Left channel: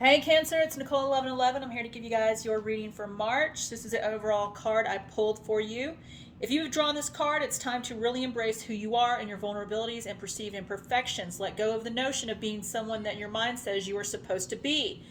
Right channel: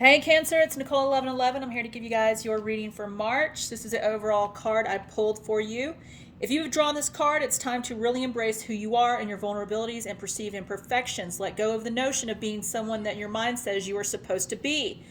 Hey Cancer, it's Nicole 1111. I'm here to give you guys your reading for March. This is the overall card I pulled for you. If you've drawn this card, it's time to really embrace who you are and your vulnerabilities and perceived imperfections. Let go of the notion of being someone that your mind says you are supposed to be.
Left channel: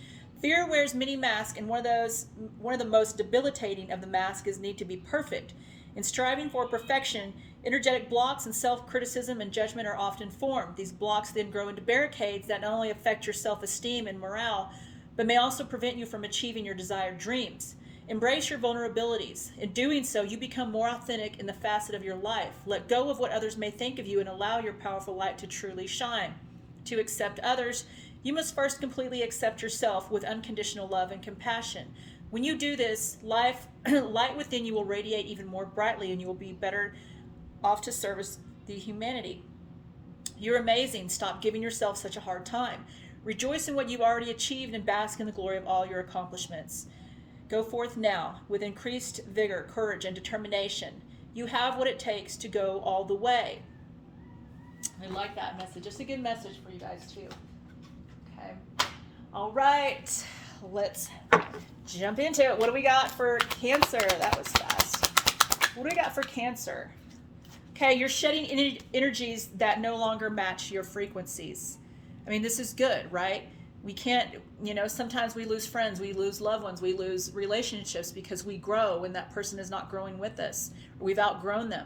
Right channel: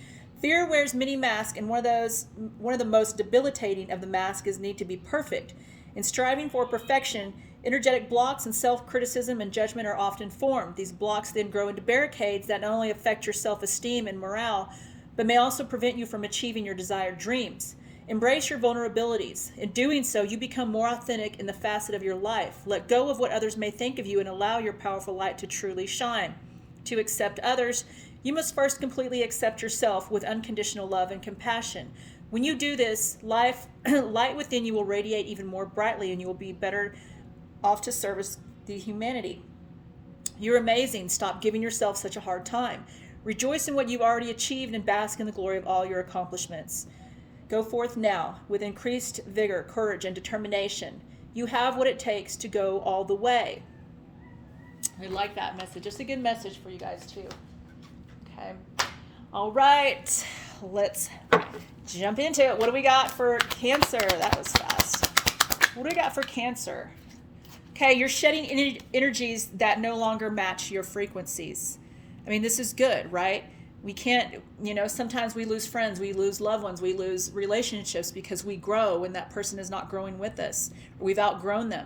Fear wears many masks, and one of the most debilitating of the masks is need to be perfect. In striving for perfection, energetic blocks and self-criticism and judgment are often formed. These blocks then grow into barricades that not only affect your self-esteem and morale, but may also prevent you from achieving your desired dreams. Embrace your vulnerabilities. In doing so, you become more authentic in the facet of your life. Let go of what others may think of you and allow your powerful light to truly shine. To accept others, you must first completely accept yourself with unconditional love and compassion. When you do this, light within you will radiate even more brightly, and you will be better off to service the humanity. You're amazing. Stop giving yourself such a hard time. Rejoice in what you've already achieved and bask in the glory of all your accomplishments. Go forth now with increased vigor, courage, and determination. You have what it takes to go all the way. I like that message. It's a good message for you guys too. Okay. All right. Let's jump into it. What do we got for Cancer? That was fast. What do we got for Cancer? Okay, you're shedding energies that no longer match your frequencies. I mean, this is good, right? We can't, sometimes we lose friends, we lose loved ones, we lose relationships because we grow when that person is not growing with us, or we've outgrown them,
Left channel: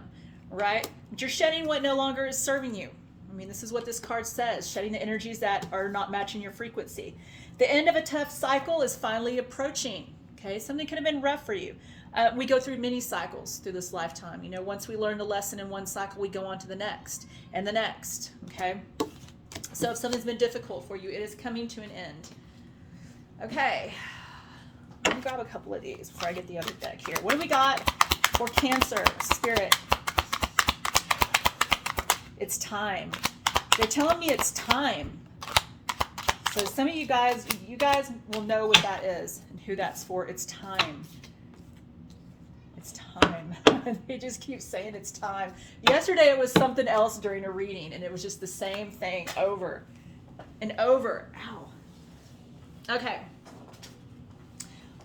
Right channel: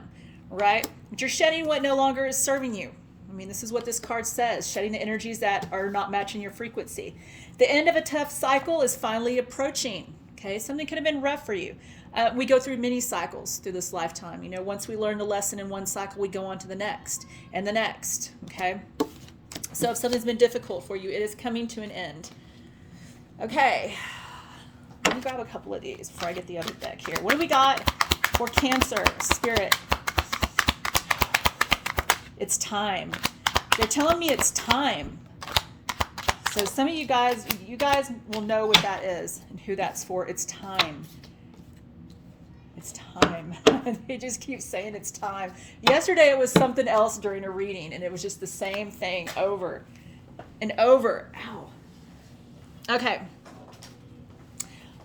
right? But you're shedding what no longer is serving you. I mean, this is what this card says, shedding the energies that are not matching your frequency. The end of a tough cycle is finally approaching. Okay, something could have been rough for you. We go through many cycles through this lifetime. Once we learn the lesson in one cycle, we go on to the next and the next. Okay, so if something's been difficult for you, it is coming to an end. Okay, let me grab a couple of these before I get the other deck here. What do we got for Cancer, Spirit? It's time. They're telling me it's time. So some of you guys will know what that is and who that's for. It's time. It's time. They just keep saying it's time. Yesterday it was something else during a reading, and it was just the same thing over and over. Ow. Okay.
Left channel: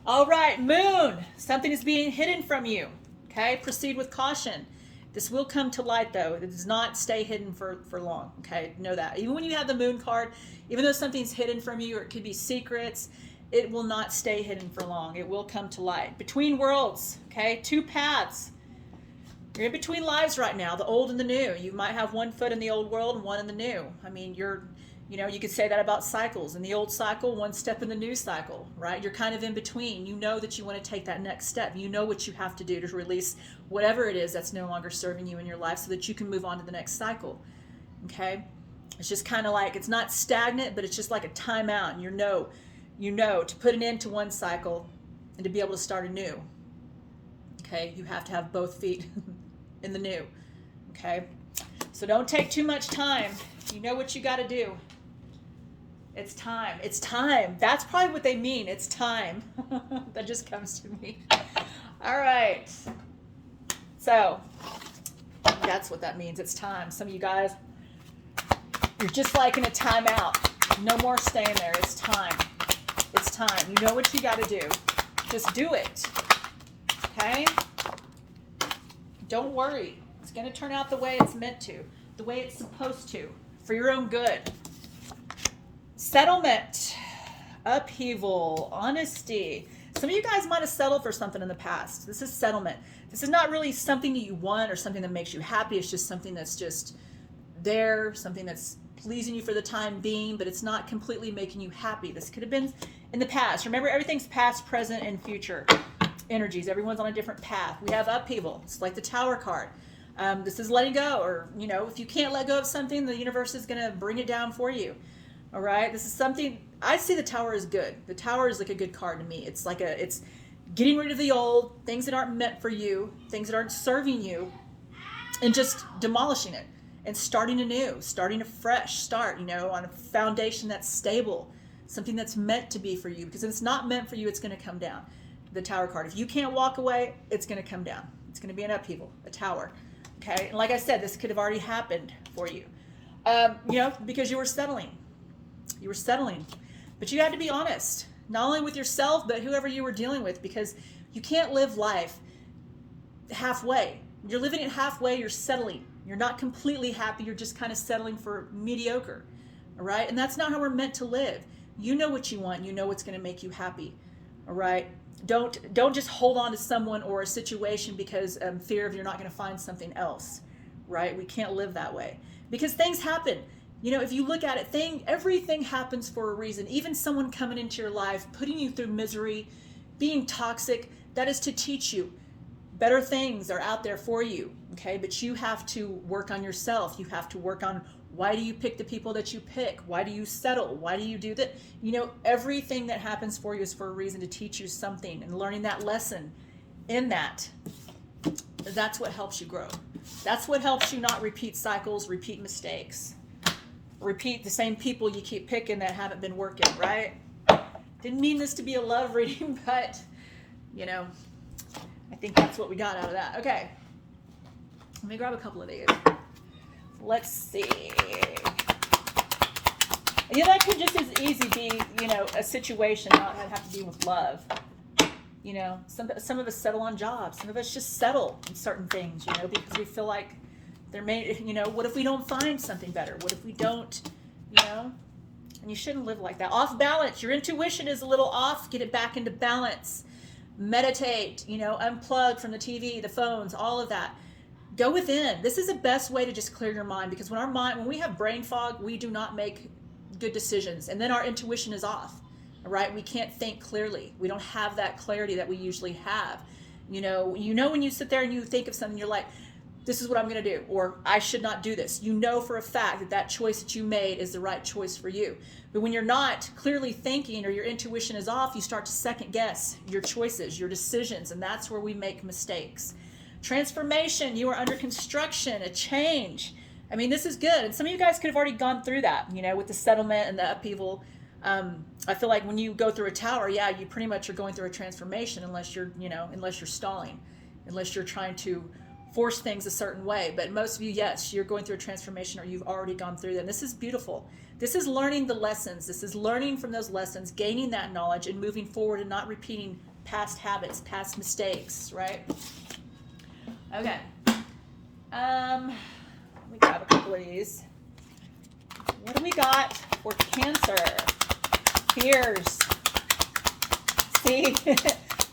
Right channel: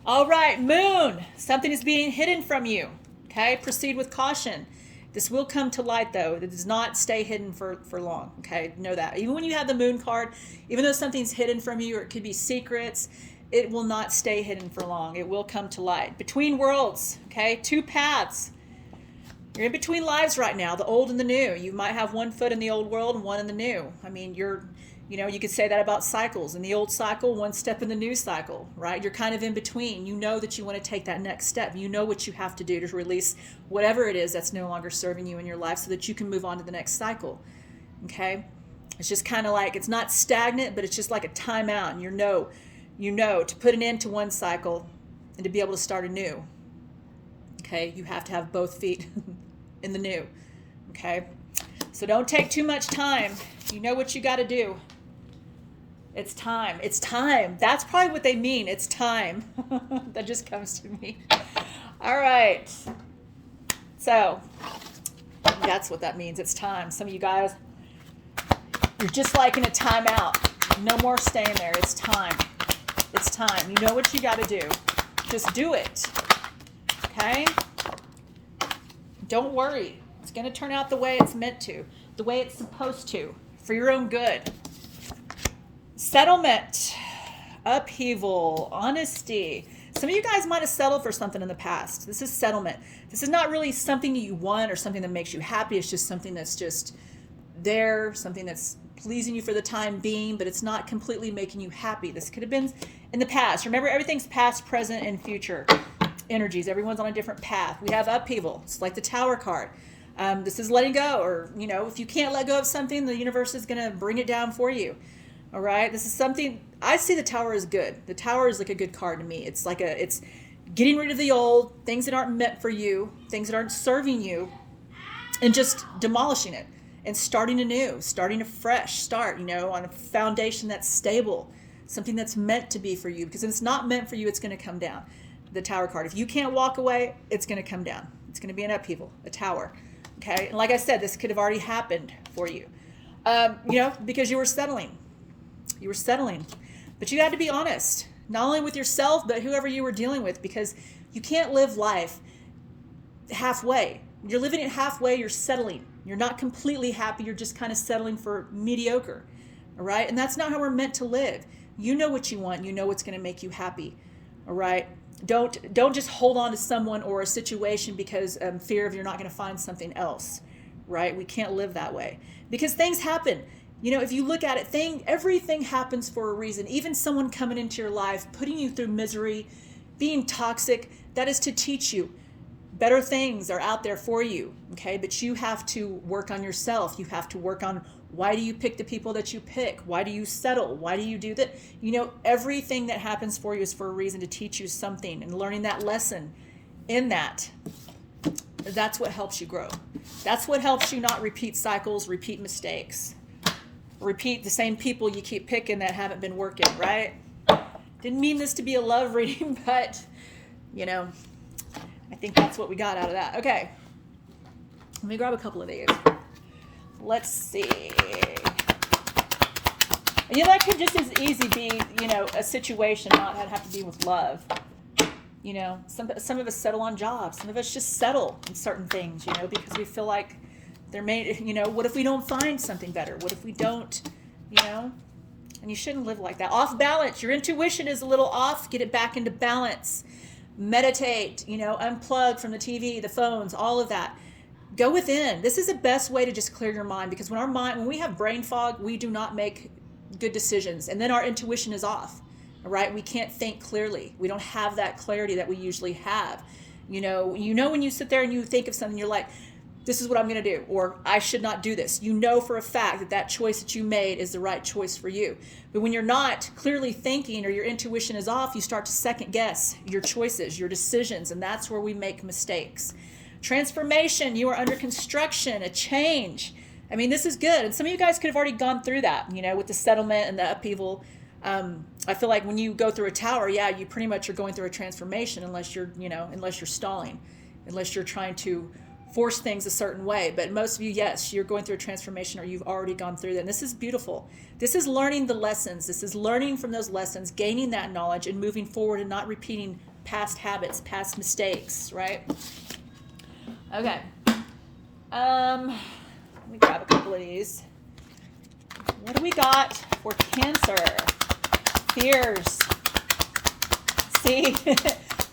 All right, Moon. Something is being hidden from you. Okay, proceed with caution. This will come to light, though. It does not stay hidden for long, okay? Know that. Even when you have the Moon card, even though something's hidden from you, or it could be secrets, it will not stay hidden for long. It will come to light. Between worlds, okay? Two paths. You're in between lives right now, the old and the new. You might have one foot in the old world and one in the new. I mean, you could say that about cycles. In the old cycle, one step in the new cycle, right? You're kind of in between. You know that you want to take that next step. You know what you have to do to release whatever it is that's no longer serving you in your life so that you can move on to the next cycle, okay? It's just kind of like, it's not stagnant, but it's just like a timeout. And you know to put an end to one cycle and to be able to start a new, okay? You have to have both feet in the new, okay? So don't take too much time. You know what you got to do. It's time. It's time. That's probably what they mean. It's time. That just comes to me. All right. So that's what that means. It's time. Some of you guys, you're just like in a timeout. No more staying there. It's time. It's time. You know what you got to do. Just do it. Okay? Don't worry. It's going to turn out the way it's meant to, the way it's supposed to, for your own good. Settlement, upheaval, honesty. Some of you guys might have settled for something in the past. This is settlement. This is not really something you want or something that makes you happy. It's just something that's just there, something that's pleasing you for the time being, but it's not completely making you happy. This could have been in the past. Remember, everything's past, present, and future energies. Everyone's on a different path. We have upheaval. It's like the Tower card. This is letting go, or, if you can't let go of something, the universe is going to bring it down for you. All right. This is something, I see the Tower as good. The Tower is like a good card to me. It's it's getting rid of the old, things that aren't meant for you, things that aren't serving you, and just demolishing it and starting anew, starting a fresh start, on a foundation that's stable, something that's meant to be for you, because if it's not meant for you, it's going to come down. The Tower card. If you can't walk away, it's going to come down. It's going to be an upheaval, a tower. Okay. And like I said, this could have already happened for you, because you were settling. You were settling. But you had to be honest, not only with yourself, but whoever you were dealing with, because you can't live life halfway. You're living it halfway, you're settling. You're not completely happy, you're just kind of settling for mediocre. All right? And that's not how we're meant to live. You know what you want, you know what's going to make you happy. All right? Don't just hold on to someone or a situation because fear of you're not going to find something else. Right? We can't live that way. Because things happen. You know, if you look at it, everything happens for a reason. Even someone coming into your life, putting you through misery, being toxic, that is to teach you. Better things are out there for you, okay? But you have to work on yourself. You have to work on why do you pick the people that you pick? Why do you settle? Why do you do that? You know, everything that happens for you is for a reason to teach you something, and learning that lesson in that's what helps you grow. That's what helps you not repeat cycles, repeat mistakes, repeat the same people you keep picking that haven't been working, right? Didn't mean this to be a love reading, but, you know, I think that's what we got out of that. Okay. Let me grab a couple of these. Let's see. You know, that could just as easy be, you know, a situation, not have to do with love. You know, some of us settle on jobs. Some of us just settle in certain things, you know, because we feel like they're made, you know, what if we don't find something better? What if we don't, you know? And you shouldn't live like that. Off balance. Your intuition is a little off. Get it back into balance. Meditate, you know, unplug from the TV, the phones, all of that. Go within. This is the best way to just clear your mind, because when we have brain fog, we do not make good decisions. And then our intuition is off. All right? We can't think clearly. We don't have that clarity that we usually have. You know when you sit there and you think of something, you're like, this is what I'm going to do, or I should not do this. You know for a fact that choice that you made is the right choice for you. But when you're not clearly thinking, or your intuition is off, you start to second guess your choices, your decisions, and that's where we make mistakes. Transformation, you are under construction, a change. I mean, this is good. And some of you guys could have already gone through that, you know, with the settlement and the upheaval. I feel like when you go through a tower, yeah, you pretty much are going through a transformation, unless you're stalling, unless you're trying to force things a certain way. But most of you, yes, you're going through a transformation, or you've already gone through that. And this is beautiful. This is learning the lessons. This is learning from those lessons, gaining that knowledge, and moving forward and not repeating past habits, past mistakes, right? Okay. Let me grab a couple of these. What do we got for Cancer? Fears. See,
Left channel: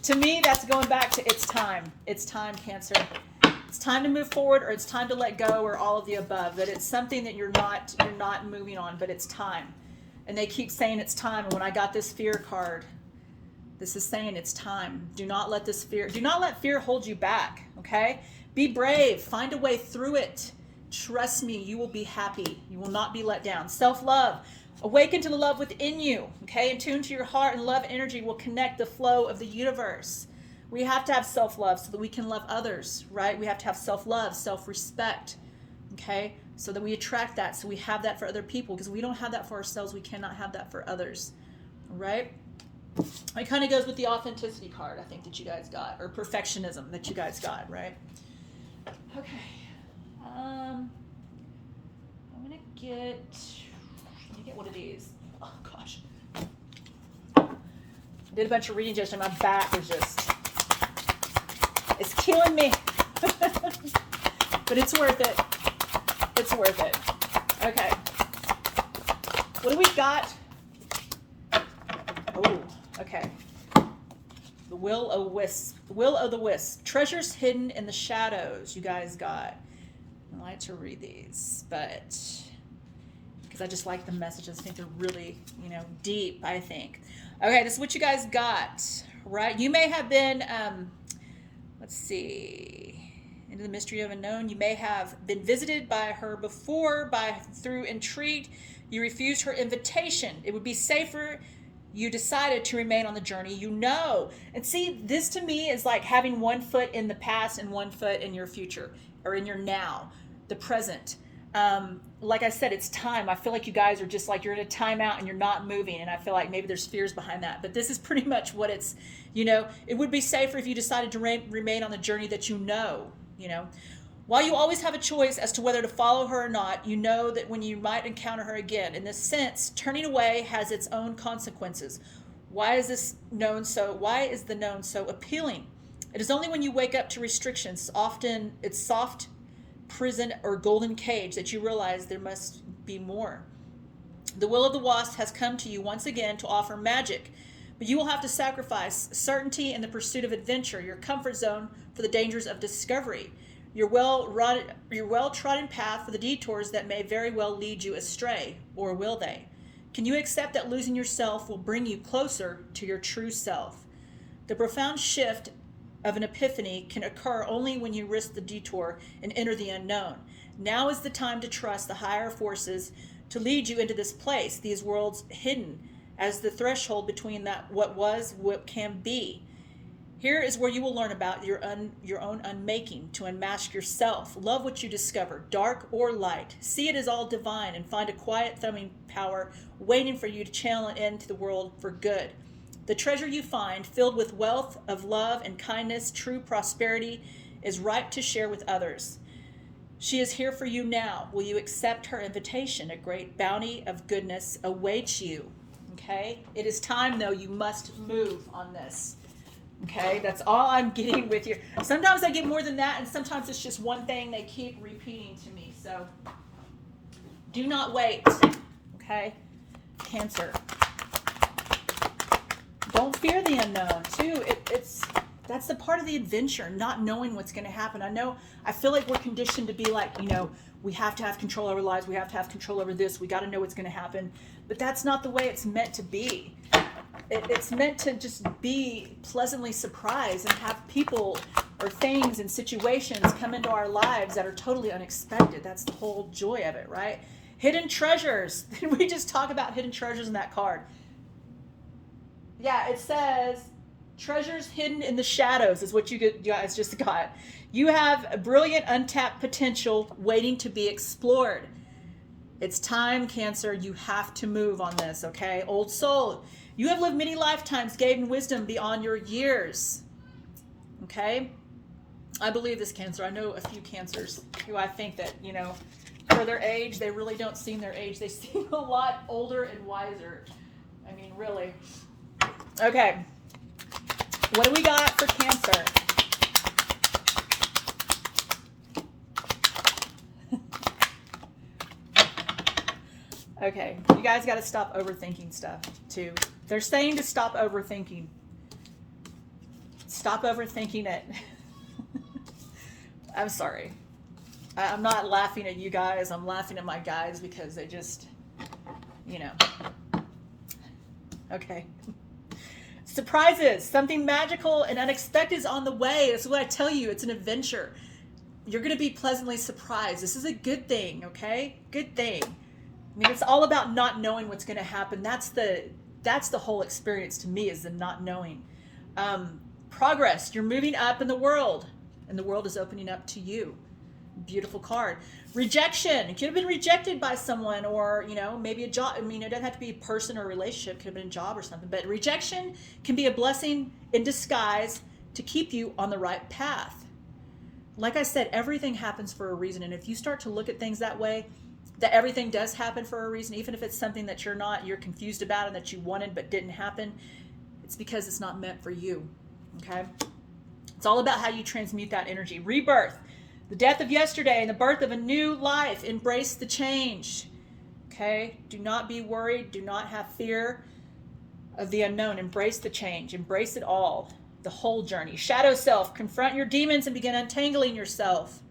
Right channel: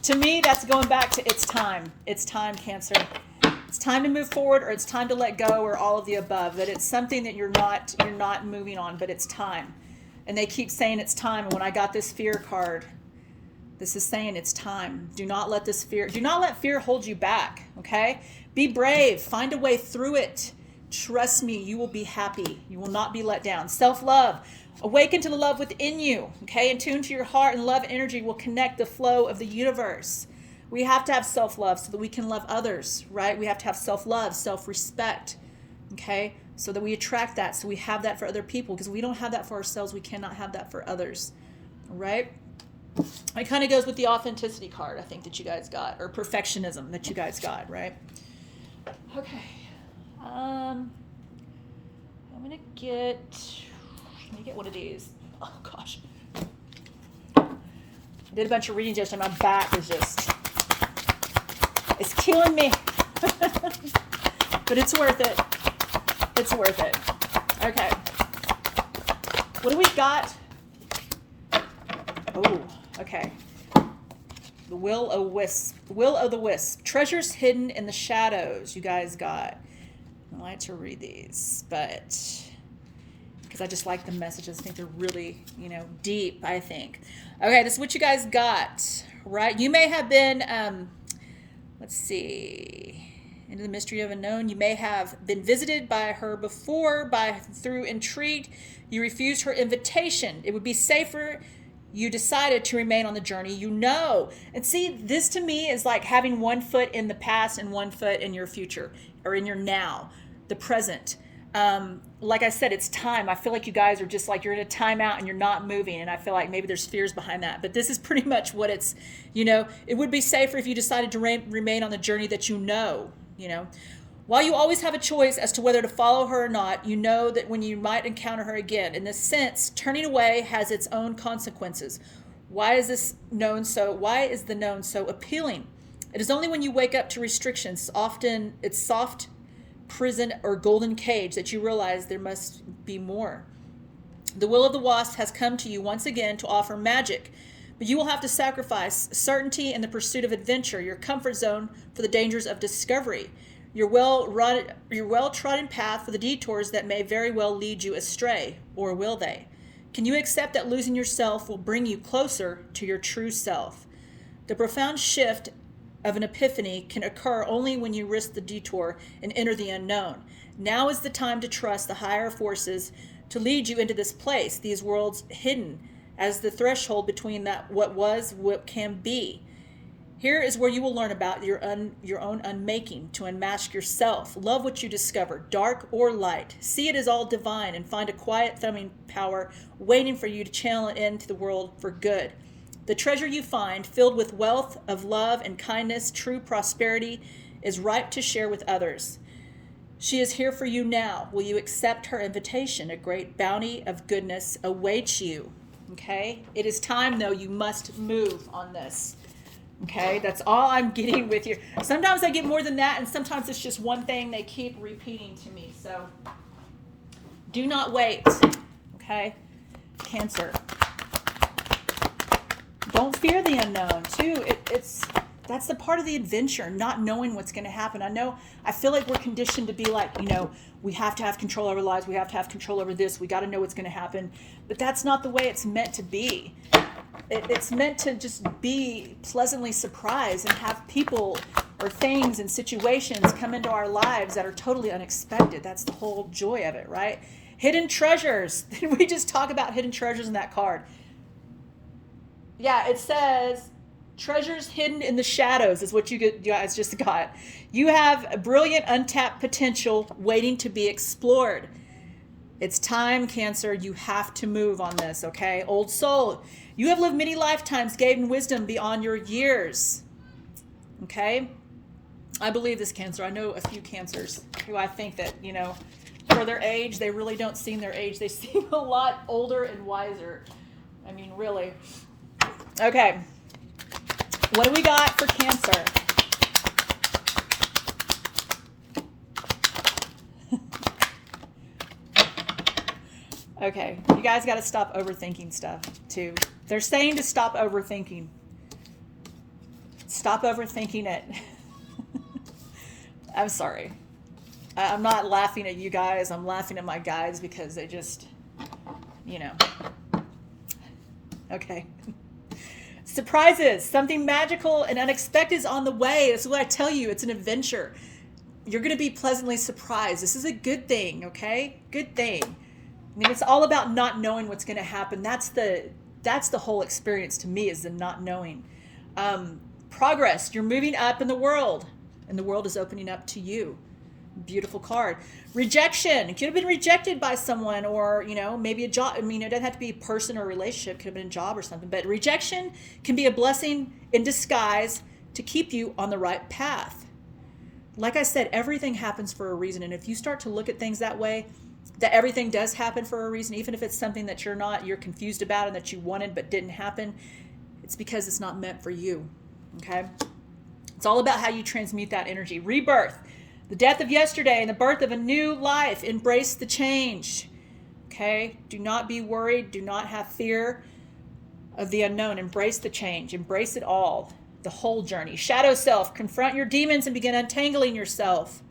to me, that's going back to it's time. It's time, Cancer. It's time to move forward, or it's time to let go, or all of the above. That it's something that you're not moving on, but it's time. And they keep saying it's time. And when I got this fear card, this is saying it's time. Do not let fear hold you back. Okay? Be brave. Find a way through it. Trust me, you will be happy. You will not be let down. Self-love. Awaken to the love within you. Okay? And tune to your heart, and love energy will connect the flow of the universe. We have to have self-love so that we can love others, right? We have to have self-love, self-respect, okay? So that we attract that, so we have that for other people. Because we don't have that for ourselves, we cannot have that for others, right? It kind of goes with the authenticity card, I think, that you guys got, or perfectionism that you guys got, right? Okay. I'm gonna get one of these. Oh gosh. I did a bunch of readings yesterday. My back is it's killing me. But it's worth it. It's worth it. Okay. What do we got? Oh, okay. The Will o' the Wisp. Treasures hidden in the shadows, you guys got. I like to read these, but because I just like the messages. I think they're really, deep, I think. Okay, this is what you guys got, right? You may have been, let's see, into the mystery of unknown. You may have been visited by her before, through intrigue. You refused her invitation. It would be safer. You decided to remain on the journey, And see, this to me is like having one foot in the past and one foot in your future, or in your now, the present. Like I said, it's time. I feel like you guys are just like, you're in a timeout and you're not moving. And I feel like maybe there's fears behind that. But this is pretty much what it's, it would be safer if you decided to remain on the journey that . While you always have a choice as to whether to follow her or not, you know that when you might encounter her again. In this sense, turning away has its own consequences. Why is the known so appealing? It is only when you wake up to restrictions, often its soft prison or golden cage, that you realize there must be more. The will of the wasp has come to you once again to offer magic, but you will have to sacrifice certainty in the pursuit of adventure, your comfort zone for the dangers of discovery, your well-trodden path for the detours that may very well lead you astray, or will they? Can you accept that losing yourself will bring you closer to your true self? The profound shift of an epiphany can occur only when you risk the detour and enter the unknown. Now is the time to trust the higher forces to lead you into this place, these worlds hidden as the threshold between that what was, what can be. Here is where you will learn about your own unmaking, to unmask yourself. Love what you discover, dark or light. See it as all divine and find a quiet thumbing power waiting for you to channel it into the world for good. The treasure you find, filled with wealth of love and kindness, true prosperity, is ripe to share with others. She is here for you now. Will you accept her invitation? A great bounty of goodness awaits you. Okay? It is time, though. You must move on this. Okay? That's all I'm getting with you. Sometimes I get more than that, and sometimes it's just one thing they keep repeating to me. So, do not wait. Okay? Cancer. Don't fear the unknown, too. That's the part of the adventure, not knowing what's going to happen. I feel like we're conditioned to be like, we have to have control over our lives. We have to have control over this. We got to know what's going to happen. But that's not the way it's meant to be. It's meant to just be pleasantly surprised and have people or things and situations come into our lives that are totally unexpected. That's the whole joy of it, right? Hidden treasures. Did we just talk about hidden treasures in that card? Yeah, it says treasures hidden in the shadows is what you guys just got. You have a brilliant untapped potential waiting to be explored. It's time, Cancer. You have to move on this, okay? Old soul. You have lived many lifetimes, gained wisdom beyond your years. Okay? I believe this, Cancer. I know a few Cancers who I think that, for their age, they really don't seem their age. They seem a lot older and wiser. I mean, really. Okay. What do we got for Cancer? Okay. You guys got to stop overthinking stuff, too. They're saying to stop overthinking. Stop overthinking it. I'm sorry. I'm not laughing at you guys. I'm laughing at my guys because they just, Okay. Surprises. Something magical and unexpected is on the way. That's what I tell you. It's an adventure. You're going to be pleasantly surprised. This is a good thing, okay? Good thing. I mean, it's all about not knowing what's going to happen. That's the whole experience to me, is the not knowing. Progress. You're moving up in the world, and the world is opening up to you. Beautiful card. Rejection. It could have been rejected by someone, or maybe a job. I mean, it doesn't have to be a person or a relationship. It could have been a job or something. But rejection can be a blessing in disguise to keep you on the right path. Like I said, everything happens for a reason, and if you start to look at things that way, that everything does happen for a reason, even if it's something that you're confused about and that you wanted but didn't happen, it's because it's not meant for you. Okay? It's all about how you transmute that energy. Rebirth. The death of yesterday and the birth of a new life. Embrace the change. Okay? Do not be worried. Do not have fear of the unknown. Embrace the change. Embrace it all. The whole journey. Shadow self. Confront your demons and begin untangling yourself.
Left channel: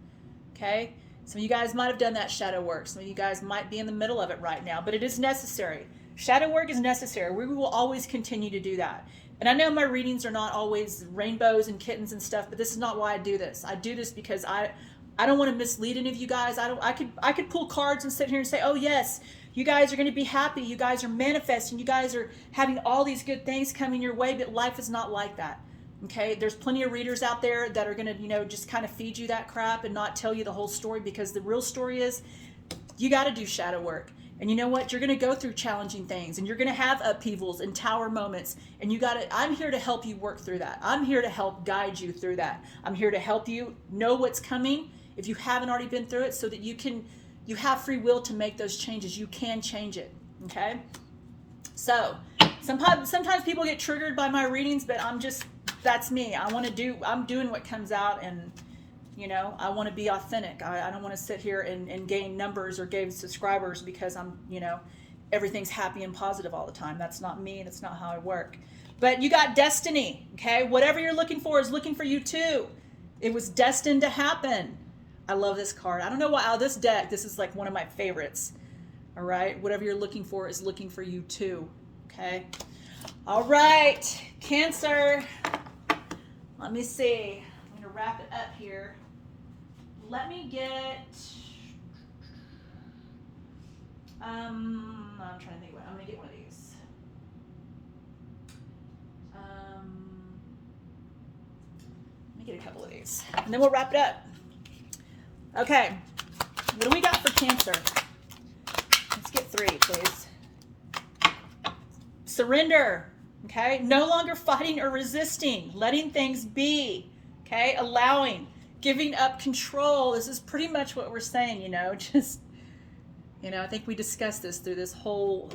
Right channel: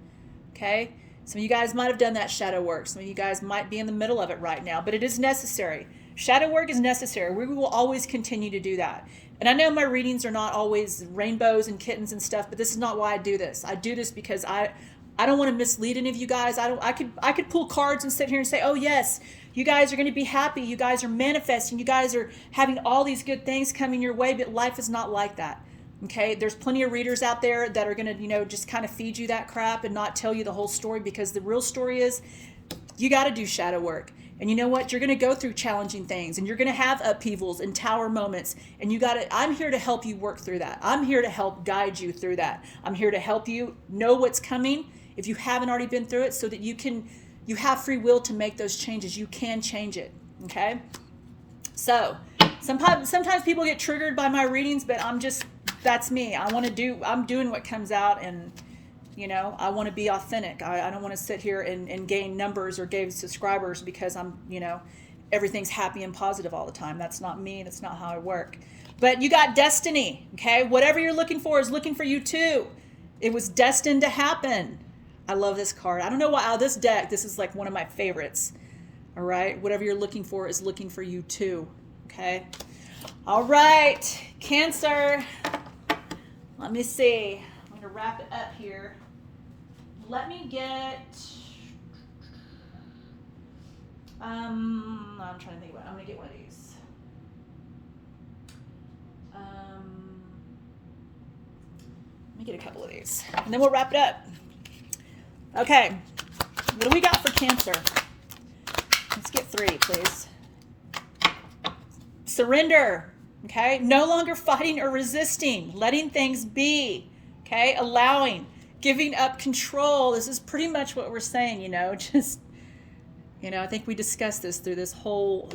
Okay? Some of you guys might have done that shadow work. Some of you guys might be in the middle of it right now, but it is necessary. Shadow work is necessary. We will always continue to do that. And I know my readings are not always rainbows and kittens and stuff, but this is not why I do this. I do this because I don't want to mislead any of you guys. I could pull cards and sit here and say, oh yes, you guys are going to be happy. You guys are manifesting. You guys are having all these good things coming your way, but life is not like that. Okay, there's plenty of readers out there that are going to, just kind of feed you that crap and not tell you the whole story, because the real story is you got to do shadow work. And you know what? You're going to go through challenging things, and you're going to have upheavals and tower moments, and I'm here to help you work through that. I'm here to help guide you through that. I'm here to help you know what's coming if you haven't already been through it, so that you have free will to make those changes. You can change it. Okay. So sometimes people get triggered by my readings, but that's me. I'm doing what comes out, and I want to be authentic. I don't want to sit here and gain numbers or gain subscribers because I'm, everything's happy and positive all the time. That's not me. That's not how I work. But you got destiny, okay? Whatever you're looking for is looking for you too. It was destined to happen. I love this card. I don't know why. This deck, this is like one of my favorites. All right? Whatever you're looking for is looking for you too, okay? All right, Cancer. Let me see. I'm going to wrap it up here. Let me get... I'm trying to think about it. I'm going to get one of these. Let me get a couple of these. And then we'll wrap it up. Okay. What do we got for Cancer? Let's get 3, please. Surrender. Okay. No longer fighting or resisting. Letting things be. Okay. Allowing. Giving up control. This is pretty much what we're saying, just... I think we discussed this through this whole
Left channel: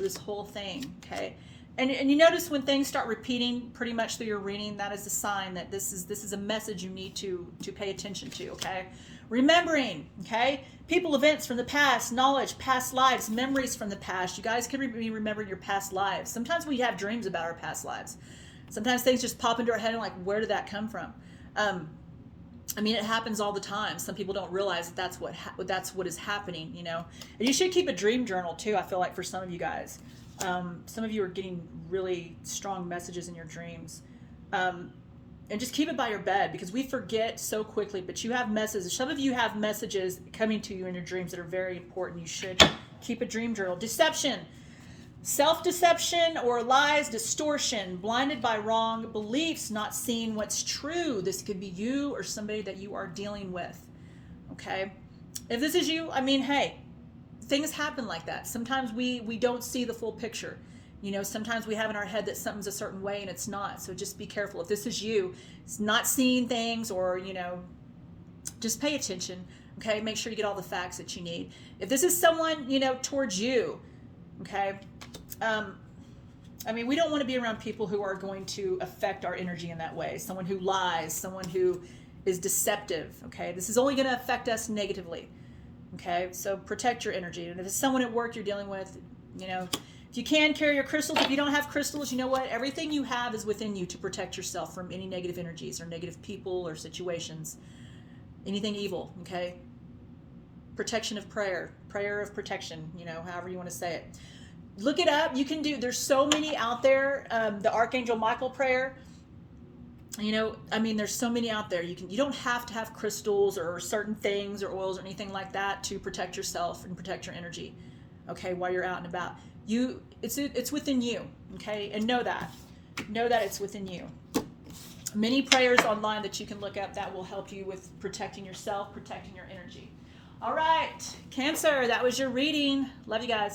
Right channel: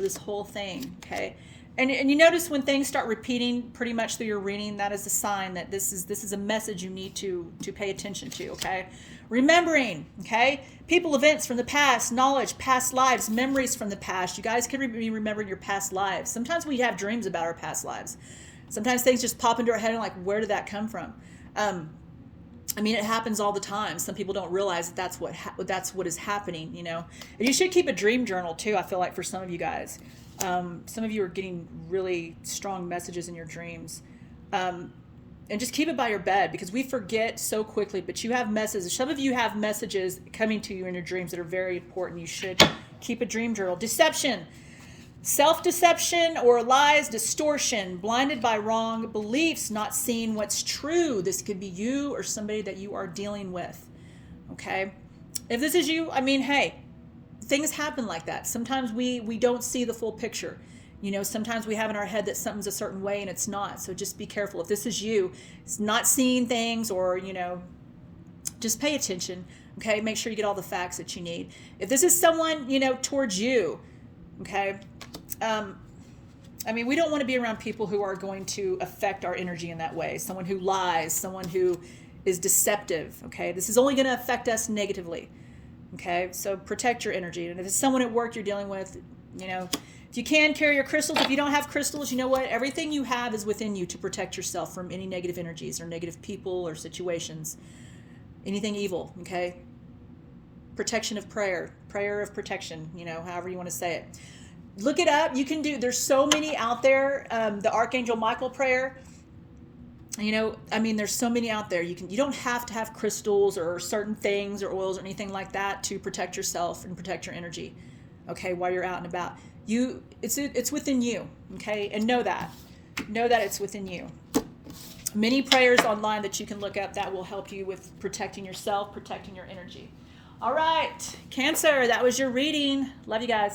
thing, okay? And you notice when things start repeating pretty much through your reading, that is a sign that this is a message you need to pay attention to, okay? Remembering, okay? People, events from the past, knowledge, past lives, memories from the past. You guys can be remembering your past lives. Sometimes we have dreams about our past lives. Sometimes things just pop into our head and like, where did that come from? It happens all the time. Some people don't realize that's what is happening, And you should keep a dream journal too. I feel like for some of you guys, some of you are getting really strong messages in your dreams, and just keep it by your bed because we forget so quickly. But you have messages. Some of you have messages coming to you in your dreams that are very important. You should keep a dream journal. Deception. Self-deception or lies, distortion, blinded by wrong beliefs, not seeing what's true. This could be you or somebody that you are dealing with, okay? If this is you, hey, things happen like that. Sometimes we don't see the full picture. Sometimes we have in our head that something's a certain way and it's not. So just be careful. If this is you, it's not seeing things or, just pay attention, okay? Make sure you get all the facts that you need. If this is someone, towards you, okay? We don't want to be around people who are going to affect our energy in that way. Someone who lies, someone who is deceptive, okay? This is only going to affect us negatively, okay? So protect your energy. And if it's someone at work you're dealing with, if you can, carry your crystals. If you don't have crystals, you know what? Everything you have is within you to protect yourself from any negative energies or negative people or situations, anything evil, okay? Protection of prayer of protection, however you want to say it. Look it up. You can there's so many out there. The Archangel Michael prayer, there's so many out there. You don't have to have crystals or certain things or oils or anything like that to protect yourself and protect your energy, okay, while you're out and about. It's within you, okay, and know that it's within you. Many prayers online that you can look up that will help you with protecting yourself, protecting your energy. All right, Cancer, that was your reading. Love you guys.